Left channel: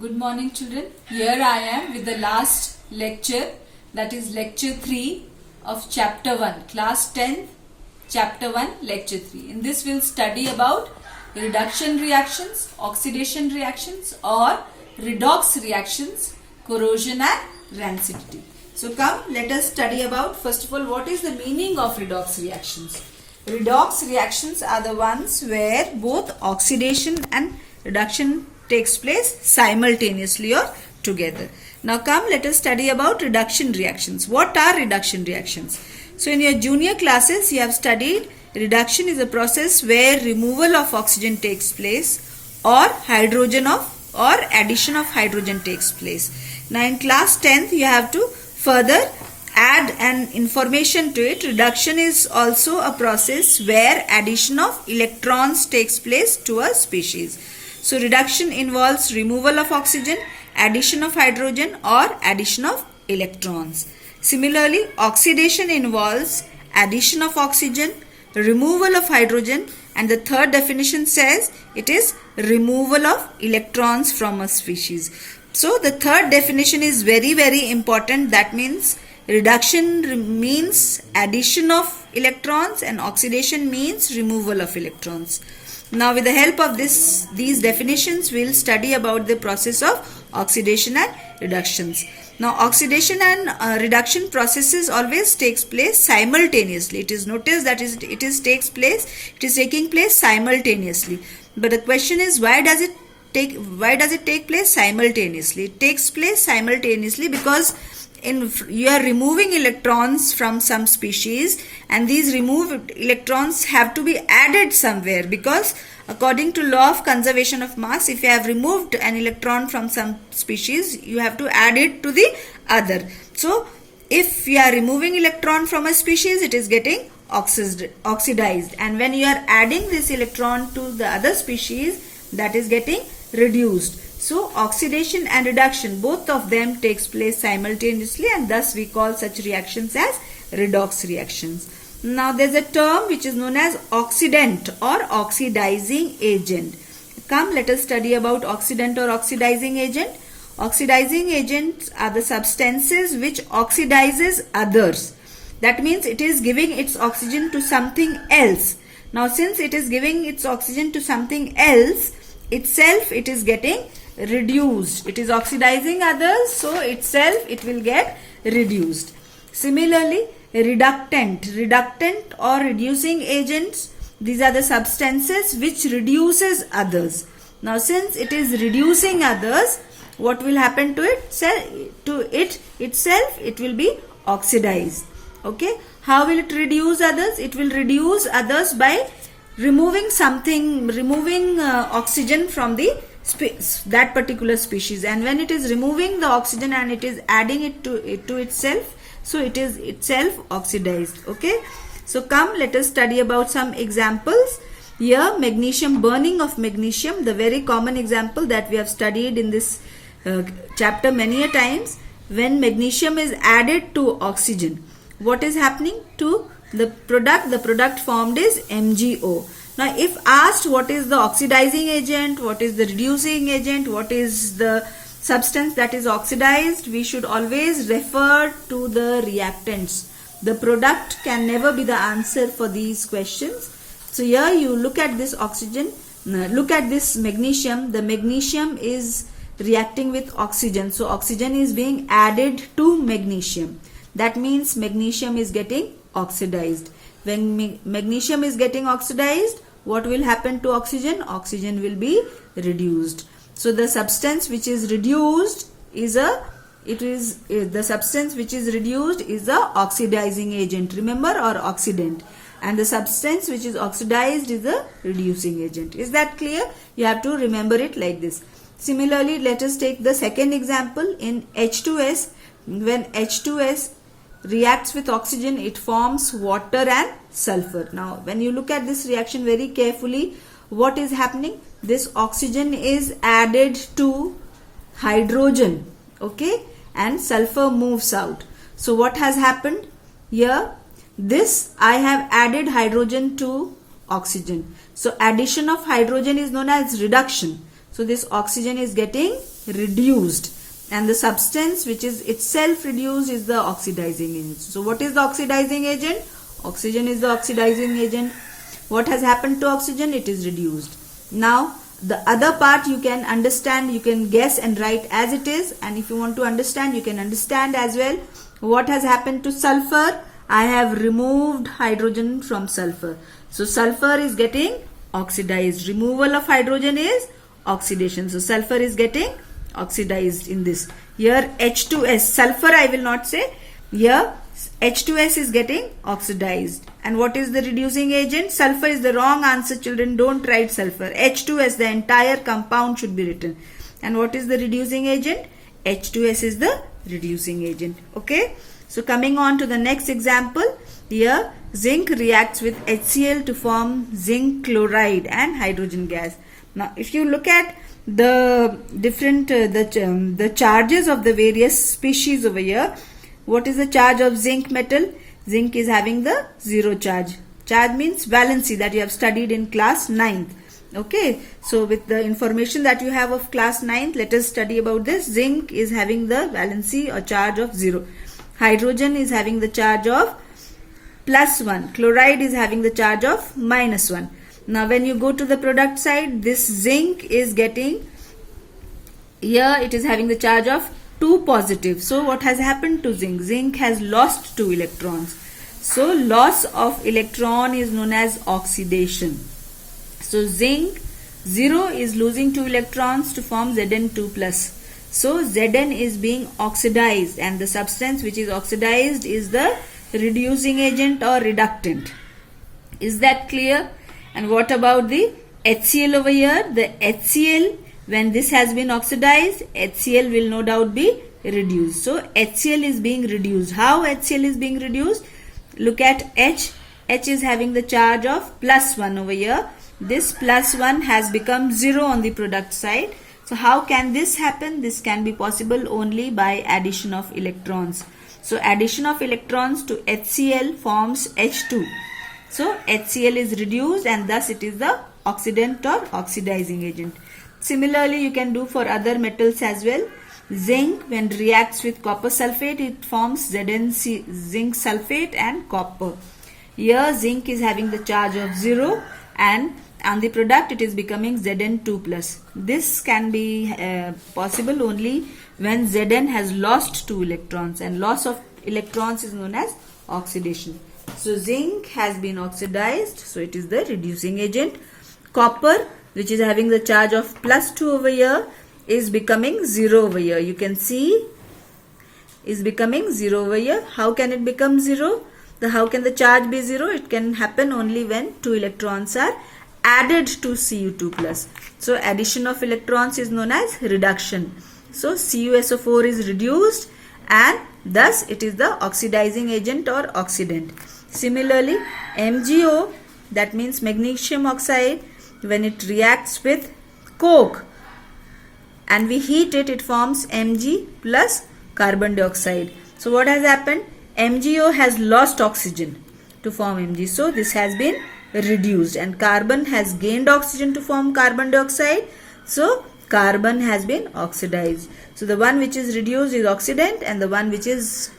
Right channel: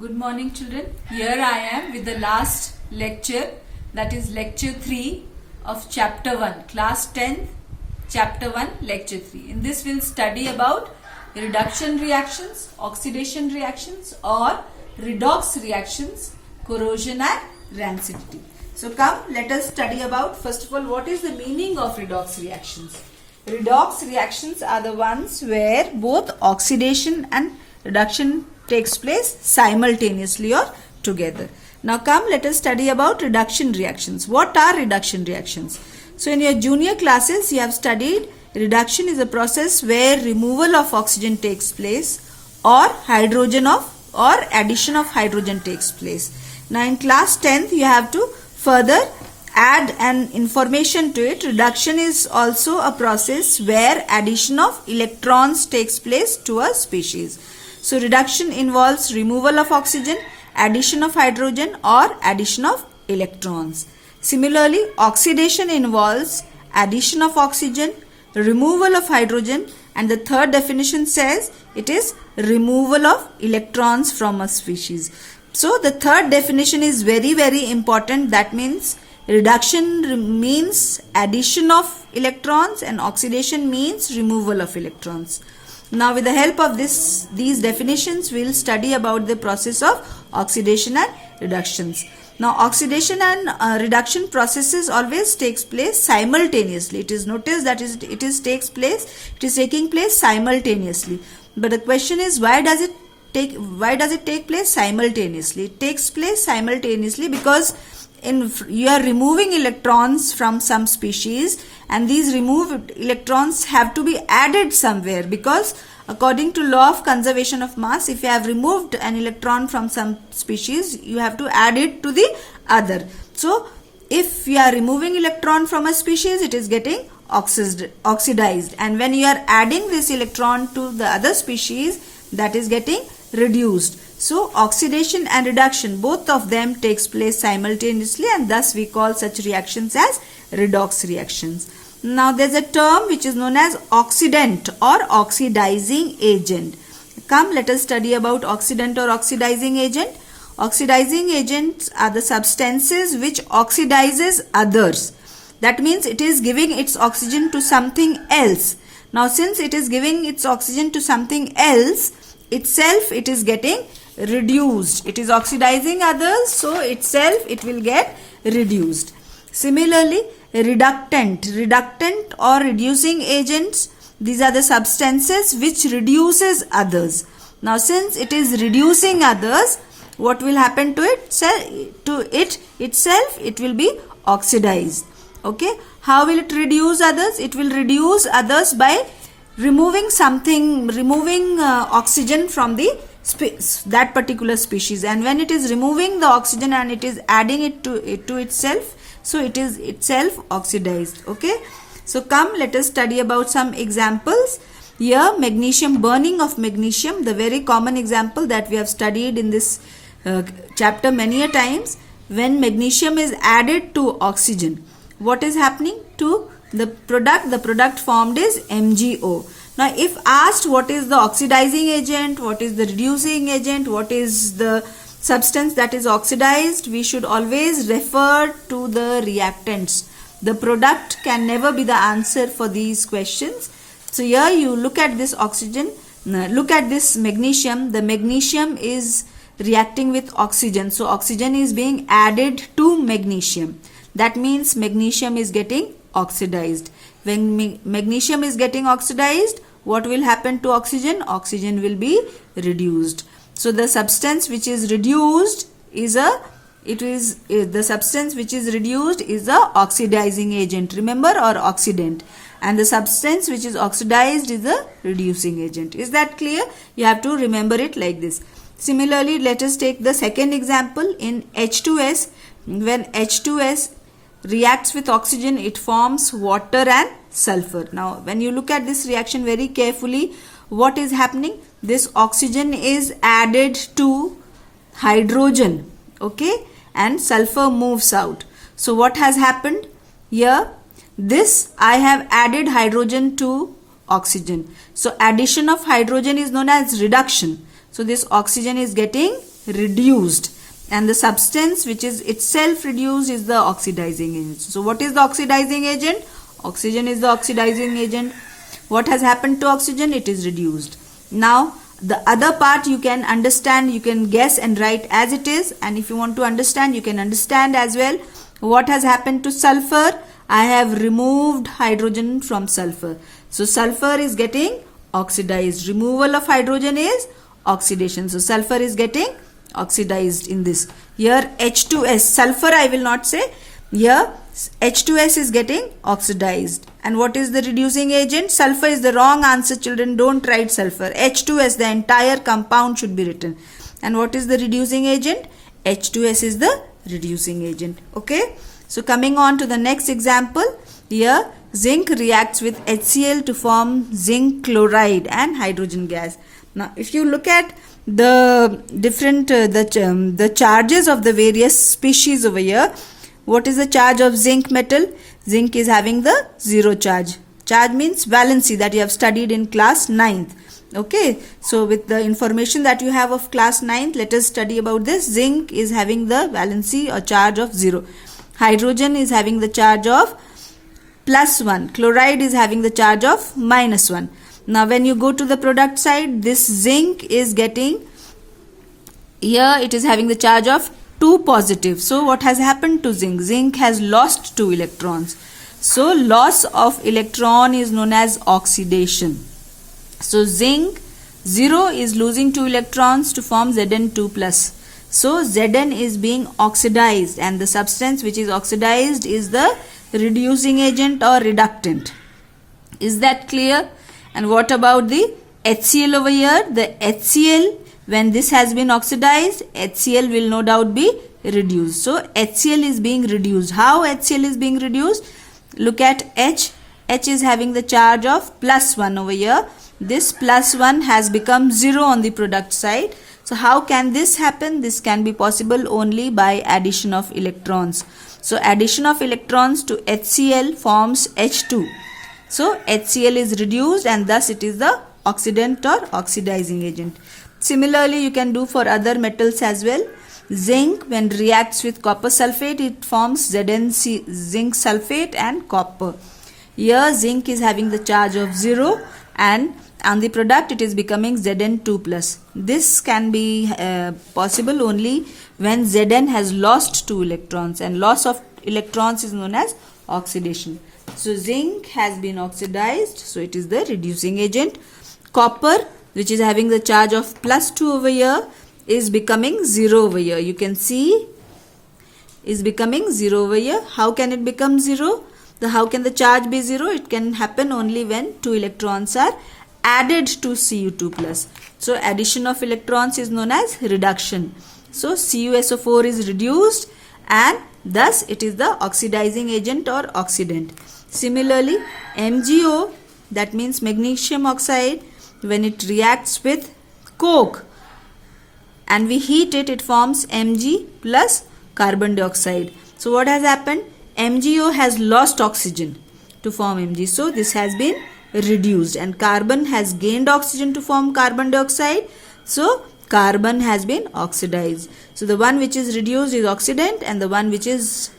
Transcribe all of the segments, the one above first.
Good morning children. Here I am with the last lecture, that is lecture 3 of chapter 1, class 10, chapter 1, lecture 3. In this we'll study about reduction reactions, oxidation reactions or redox reactions, corrosion and rancidity. So come, let us study about, first of all, what is the meaning of redox reactions. Redox reactions are the ones where both oxidation and reduction takes place simultaneously or together. Now come, let us study about reduction reactions. What are reduction reactions? So in your junior classes you have studied reduction is a process where removal of oxygen takes place or addition of hydrogen takes place. Now in class 10th you have to further add an information to it. Reduction is also a process where addition of electrons takes place to a species. So reduction involves removal of oxygen, addition of hydrogen or addition of electrons. Similarly, oxidation involves addition of oxygen, removal of hydrogen, and the third definition says it is removal of electrons from a species. So the third definition is very, very important. That means reduction means addition of electrons and oxidation means removal of electrons. Now with the help of these definitions, we will study about the process of oxidation and reductions. Now oxidation and reduction processes always takes place simultaneously. It is noticed that it is taking place simultaneously. But the question is, why does it take place simultaneously? It takes place simultaneously because you are removing electrons from some species and these removed electrons have to be added somewhere, because according to law of conservation of mass, if you have removed an electron from some species, you have to add it to the other. So if you are removing electron from a species, it is getting oxidized, and when you are adding this electron to the other species, that is getting reduced. So oxidation and reduction, both of them takes place simultaneously, and thus we call such reactions as redox reactions. Now there is a term which is known as oxidant or oxidizing agent. Come, let us study about oxidant or oxidizing agent. Oxidizing agents are the substances which oxidizes others. That means it is giving its oxygen to something else. Now since it is giving its oxygen to something else, itself it is getting reduced. It is oxidizing others, so itself it will get reduced. Similarly, reductant or reducing agents, these are the substances which reduces others. Now since it is reducing others, what will happen to it? Itself it will be oxidized. Okay, how will it reduce others? It will reduce others by removing oxygen from that particular species, and when it is removing the oxygen and it is adding it to itself, so it is itself oxidized. Okay, so come, let us study about some examples. Here, burning of magnesium, the very common example that we have studied in this chapter many a times. When magnesium is added to oxygen, what is happening to the product? The product formed is MgO. Now if asked what is the oxidizing agent, what is the reducing agent, what is the substance that is oxidized, we should always refer to the reactants. The product can never be the answer for these questions. So here you look at this magnesium. The magnesium is reacting with oxygen. So oxygen is being added to magnesium. That means magnesium is getting oxidized. When magnesium is getting oxidized, what will happen to oxygen? Oxygen will be reduced. So the substance which is reduced is the oxidizing agent, remember, or oxidant, and the substance which is oxidized is the reducing agent. Is that clear? You have to remember it like this. Similarly, let us take the second example. In H2S, when H2S reacts with oxygen, it forms water and sulfur. Now when you look at this reaction very carefully, what is happening? This oxygen is added to hydrogen, okay, and sulfur moves out. So what has happened here? I have added hydrogen to oxygen. So addition of hydrogen is known as reduction. So this oxygen is getting reduced, and the substance which is itself reduced is the oxidizing agent. So what is the oxidizing agent? Oxygen is the oxidizing agent. What has happened to oxygen? It is reduced. Now the other part you can understand, you can guess and write as it is, and if you want to understand, you can understand as well. What has happened to sulfur? I have removed hydrogen from sulfur. So sulfur is getting oxidized. Removal of hydrogen is oxidation. So sulfur is getting oxidized in this. Here H2S, sulfur I will not say. Here H2S is getting oxidized. And what is the reducing agent? Sulfur is the wrong answer, children. Don't write sulfur. H2S, the entire compound should be written. And what is the reducing agent? H2S is the reducing agent. Okay. So coming on to the next example. Here zinc reacts with HCl to form zinc chloride and hydrogen gas. Now if you look at the different the charges of the various species over here, what is the charge of zinc metal? Zinc is having the 0 charge. Charge means valency, that you have studied in class 9th. Okay, so with the information that you have of class 9th, let us study about this. Zinc is having the valency or charge of 0. Hydrogen is having the charge of +1. Chloride is having the charge of -1. Now when you go to the product side, this zinc is getting, here it is having the charge of 2 positive. So what has happened to zinc? Zinc has lost 2 electrons. So loss of electron is known as oxidation. So zinc 0 is losing 2 electrons to form Zn2+. So Zn is being oxidized, and the substance which is oxidized is the reducing agent or reductant. Is that clear? And what about the HCl over here? The HCl, when this has been oxidized, HCl will no doubt be reduced. So HCl is being reduced. How HCl is being reduced? Look at H. H is having the charge of +1 over here. This +1 has become 0 on the product side. So how can this happen? This can be possible only by addition of electrons. So addition of electrons to HCl forms H2. So HCl is reduced, and thus it is the oxidant or oxidizing agent. Similarly, you can do for other metals as well. Zinc, when reacts with copper sulfate, it forms ZnC, zinc sulfate and copper. Here zinc is having the charge of 0, and on the product it is becoming Zn2+. This can be possible only when Zn has lost 2 electrons, and loss of electrons is known as oxidation. So zinc has been oxidized, so it is the reducing agent. Copper, which is having the charge of +2 over here, is becoming 0 over here. You can see is becoming 0 over here. How can it become 0? How can the charge be 0? It can happen only when 2 electrons are added to Cu2+. So addition of electrons is known as reduction. So CuSO4 is reduced, and thus it is the oxidizing agent or oxidant. Similarly, MgO, that means magnesium oxide, when it reacts with coke and we heat it, it forms Mg plus carbon dioxide. So what has happened? MgO has lost oxygen to form Mg. So this has been reduced, and carbon has gained oxygen to form carbon dioxide. So carbon has been oxidized. So the one which is reduced is oxidant, and the one which is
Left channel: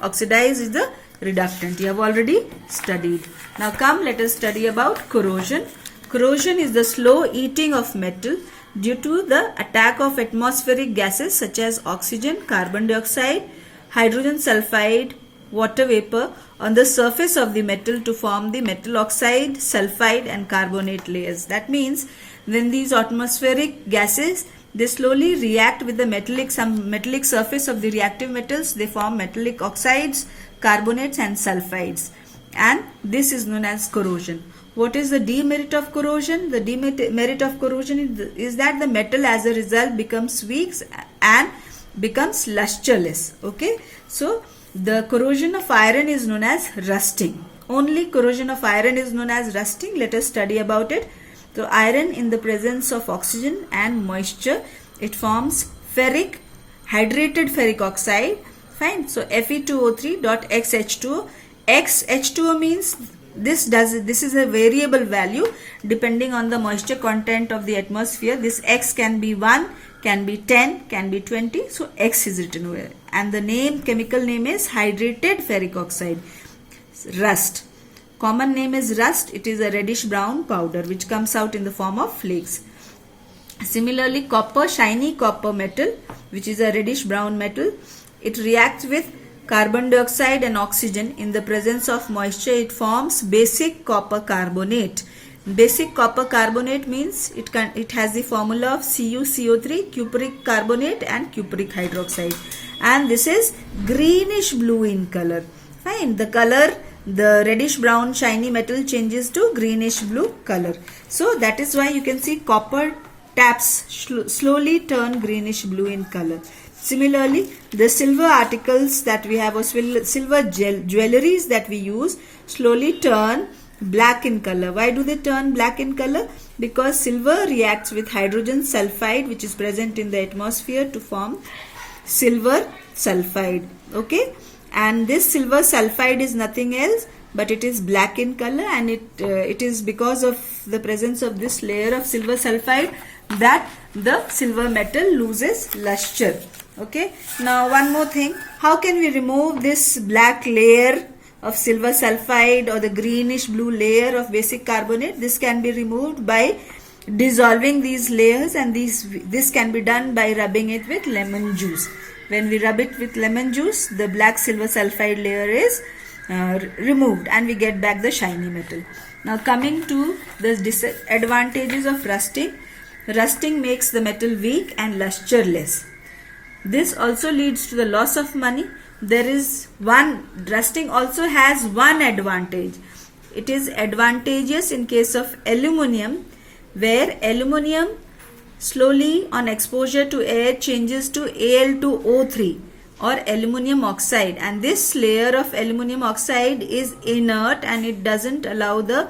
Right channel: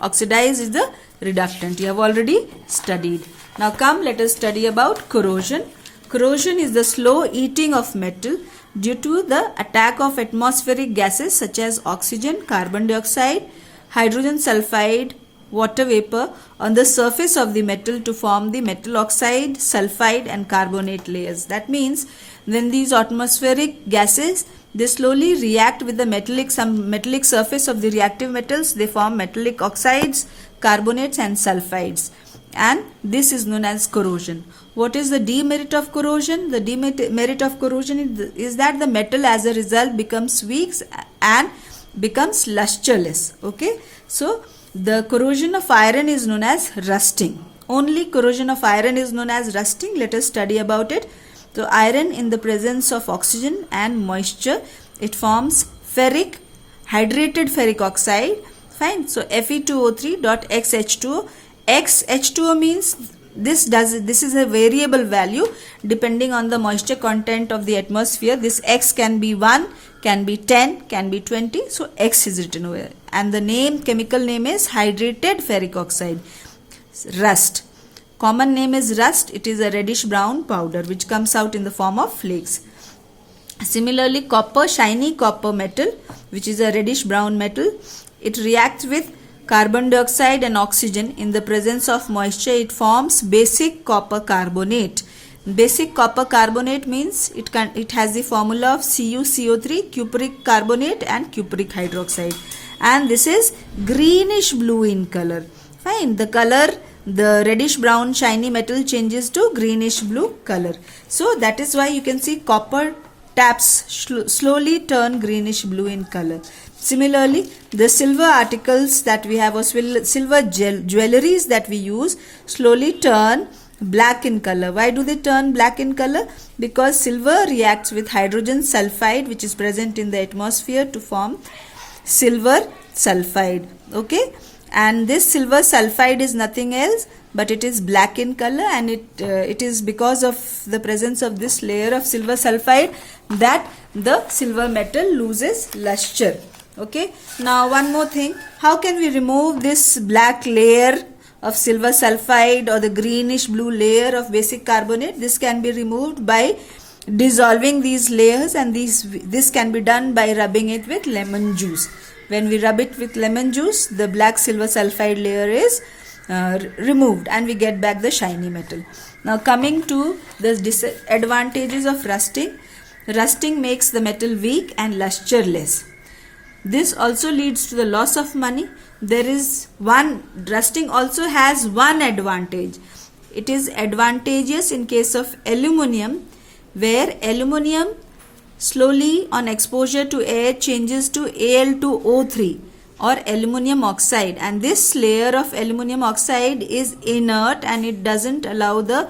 oxidized is the reductant. You have already studied. Now come, let us study about corrosion. Corrosion is the slow eating of metal due to the attack of atmospheric gases such as oxygen, carbon dioxide, hydrogen sulfide, water vapor on the surface of the metal to form the metal oxide, sulfide and carbonate layers. That means when these atmospheric gases, they slowly react with the metallic surface of the reactive metals, they form metallic oxides, carbonates and sulfides, and this is known as corrosion. What is the demerit of corrosion? The demerit of corrosion is that the metal as a result becomes weak and becomes lusterless. Okay, so the corrosion of iron is known as rusting. Only corrosion of iron is known as rusting. Let us study about it. So iron, in the presence of oxygen and moisture, it forms hydrated ferric oxide. Fine. So Fe2O3.XH2O. XH2O means this is a variable value depending on the moisture content of the atmosphere. This X can be 1, can be 10, can be 20. So X is written over. And the chemical name is hydrated ferric oxide, rust. Common name is rust. It is a reddish brown powder which comes out in the form of flakes. Similarly, copper, shiny copper metal, which is a reddish brown metal, it reacts with carbon dioxide and oxygen. In the presence of moisture, it forms basic copper carbonate. Basic copper carbonate means it has the formula of CuCO3, cupric carbonate and cupric hydroxide, and this is greenish blue in color. Fine, the color, the reddish brown shiny metal changes to greenish blue color. So that is why you can see copper taps slowly turn greenish blue in color. Similarly, the silver articles that we have, or silver jewelries that we use, slowly turn black in color. Why do they turn black in color? Because silver reacts with hydrogen sulfide which is present in the atmosphere to form silver sulfide. Okay, and this silver sulfide is nothing else but it is black in color, and it is because of the presence of this layer of silver sulfide that the silver metal loses luster. Okay, now one more thing, how can we remove this black layer of silver sulfide or the greenish blue layer of basic carbonate? This can be removed by dissolving these layers, and this can be done by rubbing it with lemon juice. When we rub it with lemon juice, the black silver sulfide layer is removed and we get back the shiny metal. Now coming to the disadvantages of rusting. Rusting makes the metal weak and lusterless. This also leads to the loss of money. Rusting also has one advantage. It is advantageous in case of aluminium, where aluminium slowly on exposure to air changes to Al2O3 or aluminium oxide, and this layer of aluminium oxide is inert and it doesn't allow the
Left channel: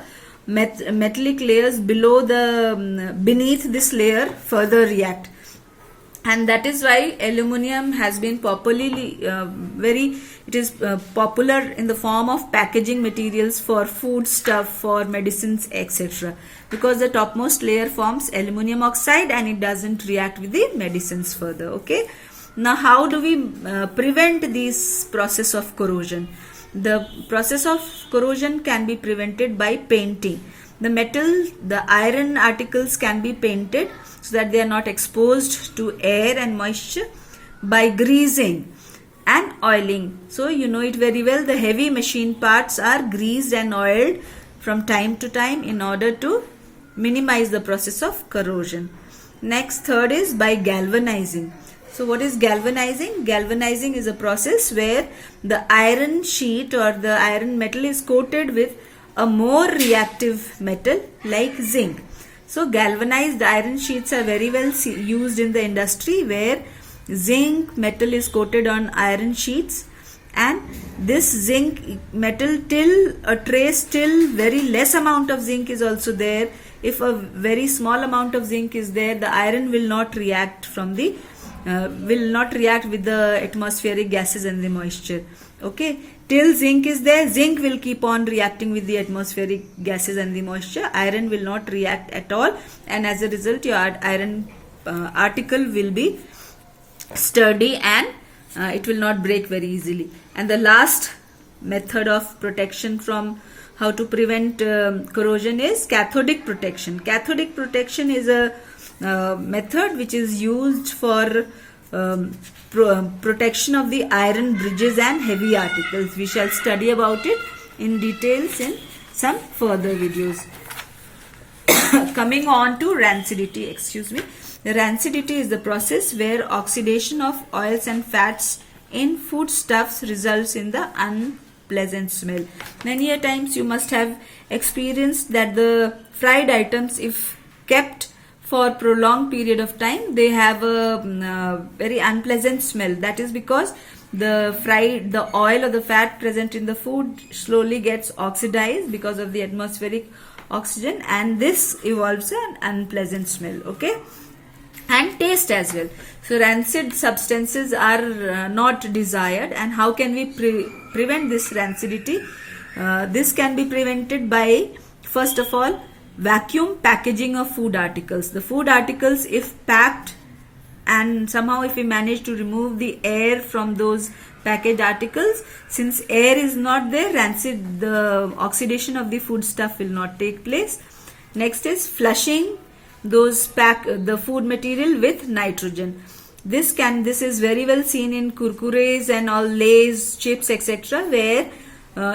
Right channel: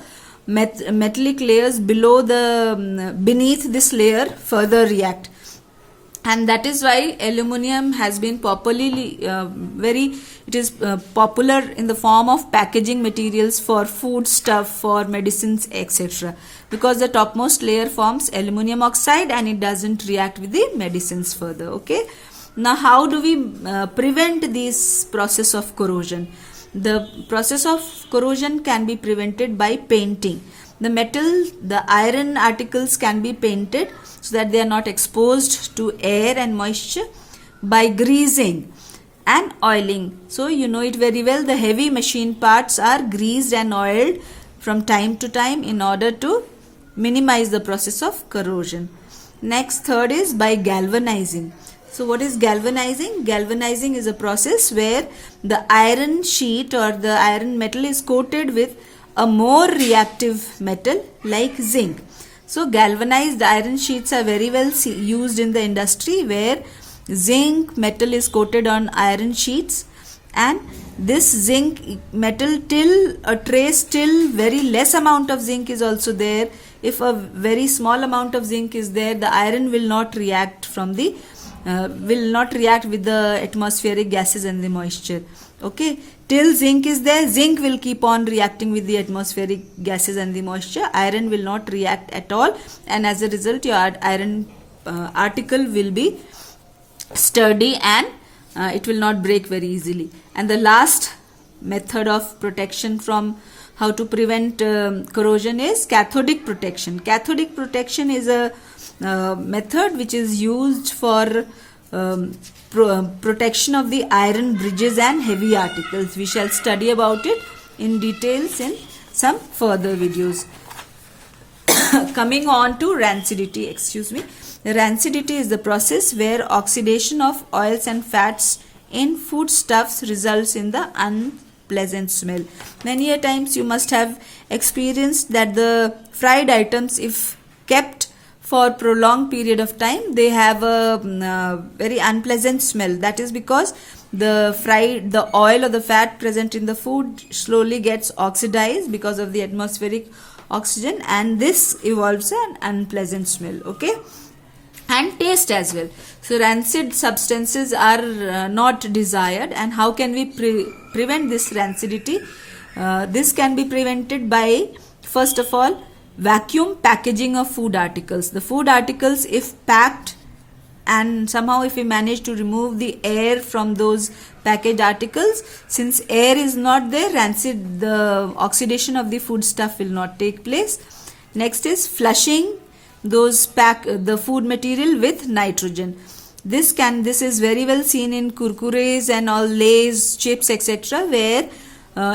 metallic layers beneath this layer further react. And that is why aluminium has been popular in the form of packaging materials for food stuff, for medicines, etc. Because the topmost layer forms aluminium oxide and it doesn't react with the medicines further. Okay. Now how do we prevent this process of corrosion? The process of corrosion can be prevented by painting. The iron articles can be painted so that they are not exposed to air and moisture, by greasing and oiling. So you know it very well, the heavy machine parts are greased and oiled from time to time in order to minimize the process of corrosion. Next, third is by galvanizing. So what is galvanizing? Galvanizing is a process where the iron sheet or the iron metal is coated with a more reactive metal like zinc. So galvanized iron sheets are very well used in the industry, where zinc metal is coated on iron sheets, and this zinc metal till very less amount of zinc is also there. If a very small amount of zinc is there, the iron will not react with the atmospheric gases and the moisture. Okay, till zinc is there, zinc will keep on reacting with the atmospheric gases and the moisture. Iron will not react at all, and as a result your iron article will be sturdy and it will not break very easily. And the last method of protection from how to prevent corrosion is cathodic protection. Cathodic protection is a method which is used for protection of the iron bridges and heavy articles. We shall study about it in details in some further videos. Coming on to rancidity, Rancidity is the process where oxidation of oils and fats in foodstuffs results in the unpleasant smell. Many a times you must have experienced that the fried items, if kept for prolonged period of time, they have a very unpleasant smell. That is because the oil or the fat present in the food slowly gets oxidized because of the atmospheric oxygen, and this evolves an unpleasant smell. Okay, and taste as well. So rancid substances are not desired, and how can we prevent this rancidity? This can be prevented by, first of all, vacuum packaging of food articles. The food articles, if packed, and somehow if we manage to remove the air from those packaged articles, since air is not there, the oxidation of the food stuff will not take place. Next is flushing the food material with nitrogen. This is very well seen in kurkures and all Lays, chips, etc., where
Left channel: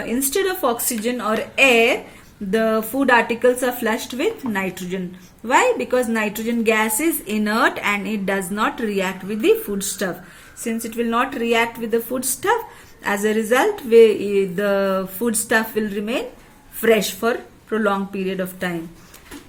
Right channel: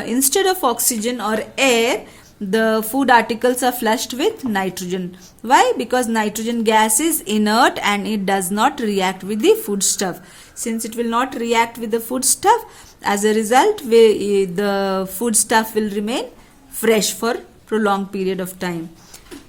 instead of oxygen or air, the food articles are flushed with nitrogen. Why? Because nitrogen gas is inert and it does not react with the food stuff. Since it will not react with the food stuff, as a result, the food stuff will remain fresh for prolonged period of time.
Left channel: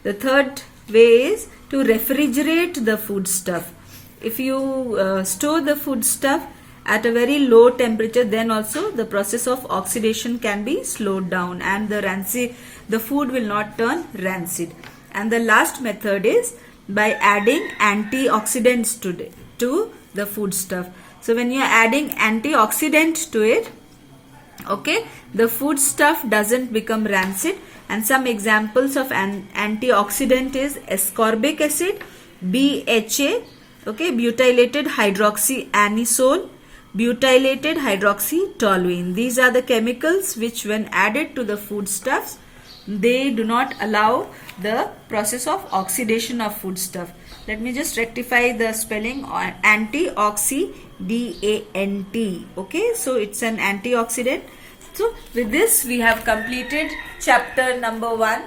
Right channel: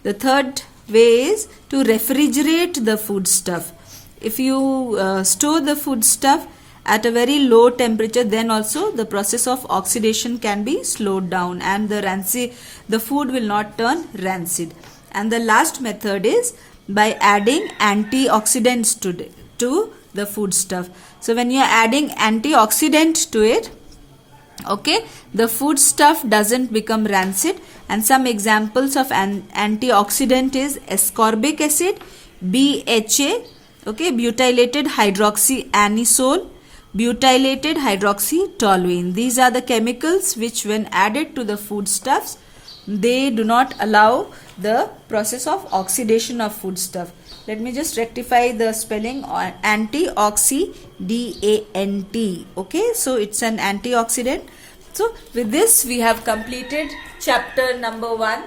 The third way is to refrigerate the food stuff. If you store the food stuff at a very low temperature, then also the process of oxidation can be slowed down and the food will not turn rancid. And the last method is by adding antioxidants to the food stuff. So when you are adding antioxidant to it, okay, the food stuff doesn't become rancid. And some examples of antioxidant is ascorbic acid, BHA, okay, butylated hydroxyanisole, butylated hydroxytoluene. These are the chemicals which, when added to the foodstuffs, they do not allow the process of oxidation of foodstuff. Let me just rectify the spelling. Antioxidant, okay, so it's an antioxidant. So with this we have completed chapter number 1.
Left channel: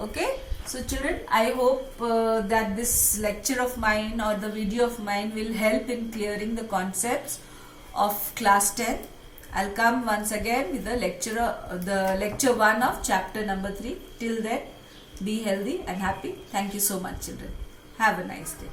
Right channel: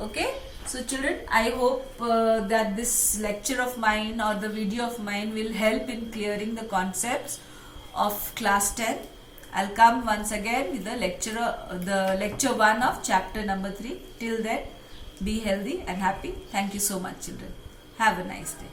Okay, so children, I hope that this lecture of mine or the video of mine will help in clearing the concepts of class 10. I'll come once again with the lecture 1 of chapter number 3. Till then, be healthy and happy. Thank you so much, children. Have a nice day.